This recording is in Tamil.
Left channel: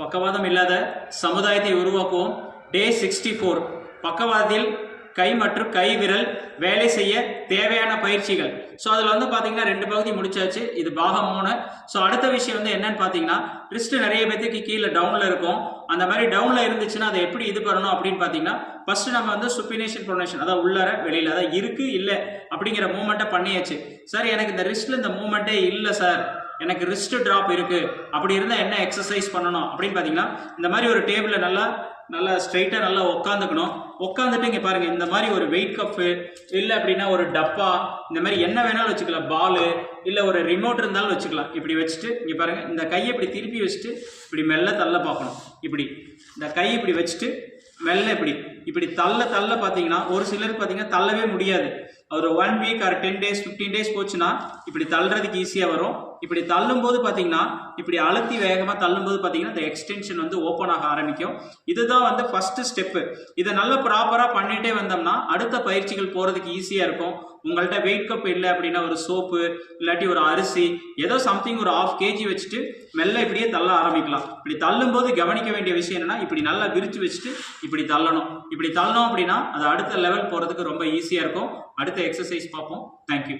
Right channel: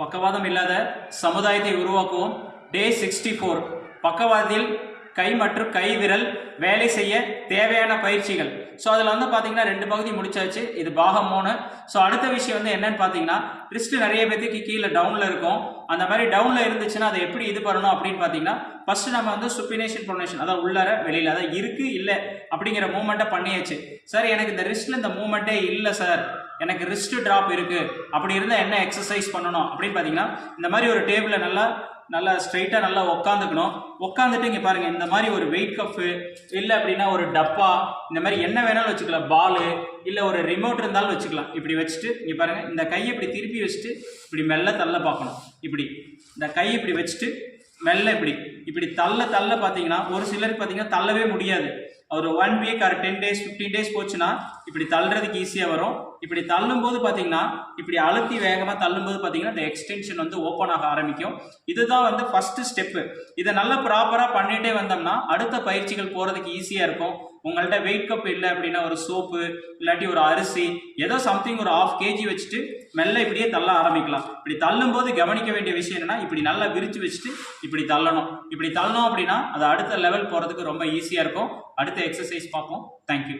பக்கவாதம் இல்லாத சமுதாயத்தை உருவாக்குவோம். டே சிக்ஸ்டி ஃபோர் பக்கவாதத்தில் கை மற்றும் கை விரல் வேலை செய்ய தேவையான பயிற்சிகள். ஸோ அதில் வந்து பார்த்தீங்கன்னா ரெண்டு பகுதி முடிச்சாச்சு. இது பாகம் மூணு. ஸோ அடுத்த விஷயம் வந்து என்னன்னு பார்த்தீங்கன்னா ரிஸ்ட் நிறைய பேத்துக்கு கீழே டவுனில் இருக்கும். அந்த மாதிரி டவுனில் இருந்துச்சுன்னா அதை எப்படி இது பண்ணணும் அப்படின்னு பார்த்தீங்கன்னா ஃபர்ஸ்ட் நம்ம வந்து சுப்பினேஷன் ப்ரொனேஷன் அதாவது உள்ளார வெளியில் அதாவது இருக்கு இல்லை அப்படிங்கிற மூமெண்ட்டை பண்ணியாச்சு. சார் எனக்கு இந்த ரிஸ்ட்டில் இந்த மூமெண்ட்டே இல்லை சார் எனக்கு ரிஸ்ட் ட்ராப் இருக்குது அப்படி இருந்தால் என்ன எக்ஸசைஸ் பண்ணணும்? அப்படின்னு பார்த்தீங்கன்னா இந்த மாதிரி ஒரு டேபிளில் நல்லா நல்லா ஸ்ட்ரைட்டாக நல்லா உட்காந்துக்கணும் உட்காந்துட்டு இங்கே பாருங்க இந்த மாதிரி ஒரு வெயிட் கப்பு இல்லை அப்படின்னா ஒரு டப்பா இந்த மாதிரி என்ன வேணாலும் வச்சுக்கலாம். பாலு இல்லை ஒரு ரிமோட் இருந்தாலும் வச்சுக்கலாம். இப்படி வச்சுட்டு இங்கே பாருங்கள் இந்த கையை இப்படி திருப்பி வச்சுட்டு இப்படி மெல்ல தள்ள பார்க்கணும். இப்படி. இந்த கை இப்படி வச்சுட்டு மெல்ல இப்படி. இப்படி தள்ள தள்ள பார்த்தீங்கன்னா ஒரு சிலருக்கு பார்த்தீங்கன்னா தள்ளவே முடியாது. ஒரு one week or ten days fifteen days போச்சுன்னா இப்படி தள்ளுறதுக்கு ஈஸியாக வரும். இப்படி தள்ளும்போது பார்த்தீங்கன்னா இப்படி அழுத்தி வேகமாக தள்ளும்போது பார்த்தீங்கன்னா இந்த எக்ஸ்டென்ஷன் வந்து ஓப்பன் ஆக ஆரம்பிக்கும். இதுதான் வந்து ஃபஸ்ட்டு ஸ்டெப்பு இதை நல்லா ப்ராப்பராக பண்ணிகிட்டே வந்தோம்னா அடுத்த பயிற்சிகள் போகிறதுக்கு ஈஸியாக இருக்கும். உங்கள்கிட்ட வெயிட் கப் இல்லை அப்படின்னா ஒரு சோப்பு இல்லாட்டி ஒரு அரிசி ஏதோ சம்திங் ஒரு ஆஃப் கேஜி வச்சுட்டு மெல்ல இப்படியே தள்ள ஆரம்பிக்கலாம். இப்படி தள்ளும்போது கவனிக்க வேண்டிய விஷயம் என்னன்னா இப்படி நல்லா விரித்து வச்சுட்டு இப்படி தள்ளணும். இப்படி தள்ளணும் அப்படின்னா அது அடுத்த லெவல் போகிறதுக்கு ரொம்ப ஈஸியாக இருக்கும். அடுத்த எக்ஸசைஸ் பார்ப்போம். தேங்க்யூ